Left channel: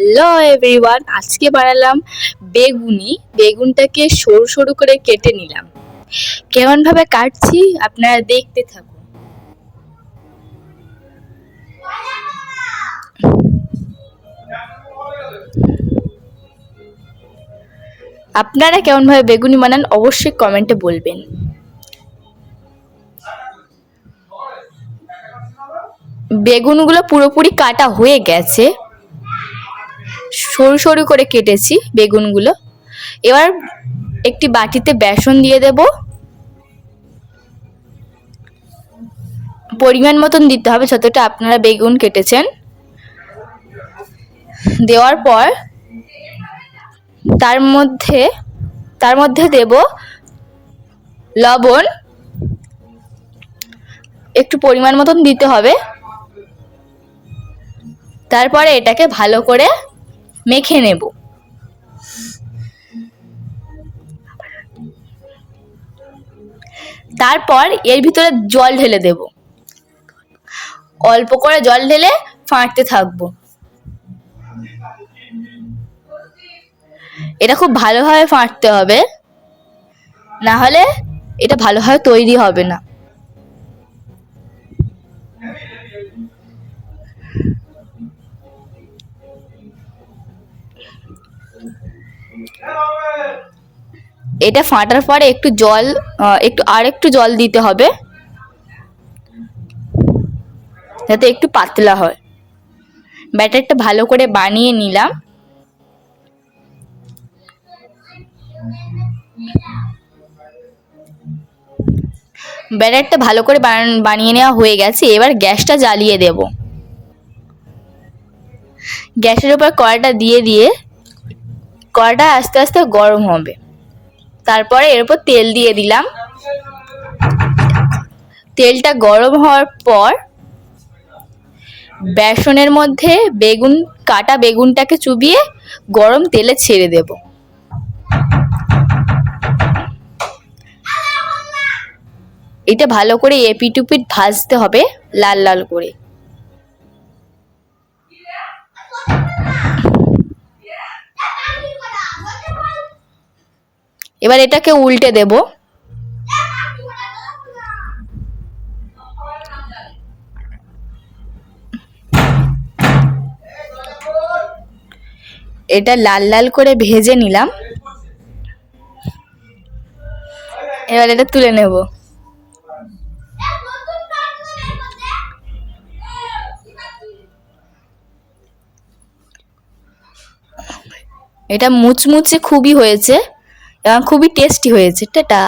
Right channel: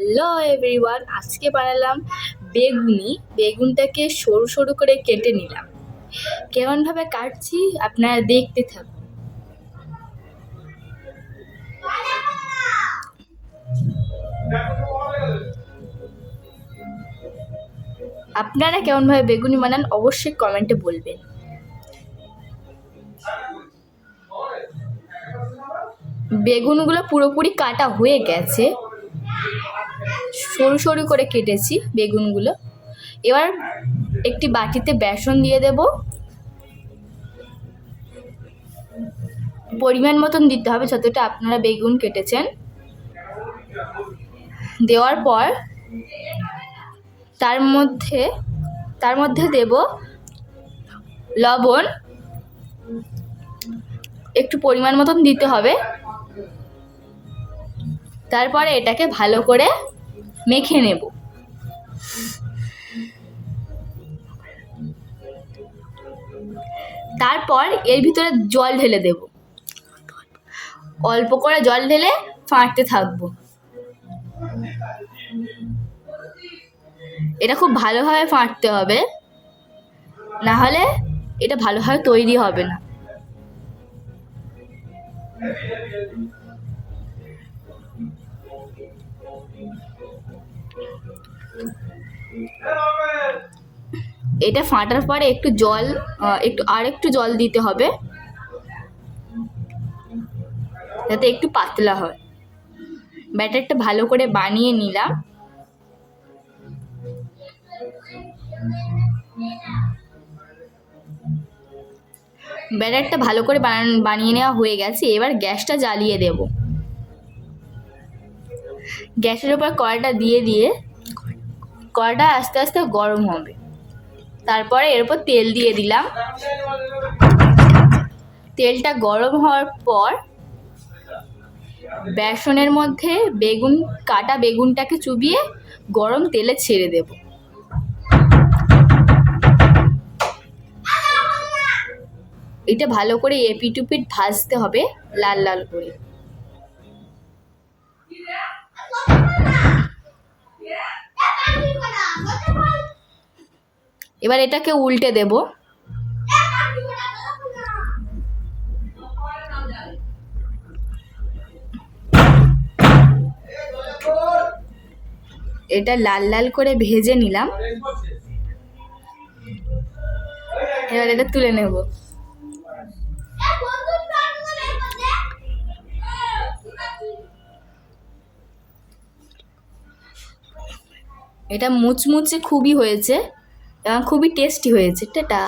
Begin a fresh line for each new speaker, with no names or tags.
Hello everyone, আজকে বানালাম বেগুনি। বেগুনটাকে সরু সরু করে কেটে নিলাম। কেমনভাবে কাটছি আপনারা দেখতে থাকুন। আপনারা কেমনভাবে বেগুনি বানান অবশ্যই কমেন্টে বলবেন। বেগুনগুলো পুরোপুরি কাটা হয়ে গেছে। সরু সরু করে কেটেছি বেগুনগুলো। এবার একটি বাটিতে বেসন দিয়ে দেব। পরিমাণ মতন দিতে হবে যতটা আপনারা বেগুন কেটেছেন। দেওয়ার পর তার মধ্যে তার মধ্যে দেব লবণ। একটু পরিমাণ মতন দিতে হবে। তারপরে এটাকে ভালো করে মেখে নেব। তারপর এর ভিতরে জল ঢেলে দেব। অল্প করে জল ঢেলে ফাঁটতে থাকব। এটা খুব ভালোভাবে ফাঁটতে হবে। না হলে এটা ভালোভাবে তৈরি হবে না। এটা ফাটার পরে একটু জল একটু আর একটু জল দিতে হবে, যাতে একটু পাতলা হয়। ব্যাটারটা ভালো করে বানিয়ে নিলাম। ব্যাটারটা ভালো করে বানিয়ে নেওয়া হয়ে গেছে। এবার গ্যাসটা জ্বালিয়ে দেব। গ্যাসের উপর কড়াটা দিয়ে দিয়ে কড়াটা আস্তে আস্তে গরম হবে। তারপরে এর উপর তেল দিয়ে দিলাম। তেলটা গরম হওয়ার পর বেসনের মধ্যে বেগুন, কাটা বেগুনটাকে চুবিয়ে গরম তেলে ছেড়ে দেব। এটা ভালো করে এপিটুপিট ভাজতে হবে, লাল লাল করে। এবার এটাকে উল্টে দেব। এটা লাল লাল করে ভেজে নিলাম। এবার এটা তুলে নেব। এটা মুচমুচে খুবই হয়েছে। এবং খুবই টেস্টি হয়েছে টাটা।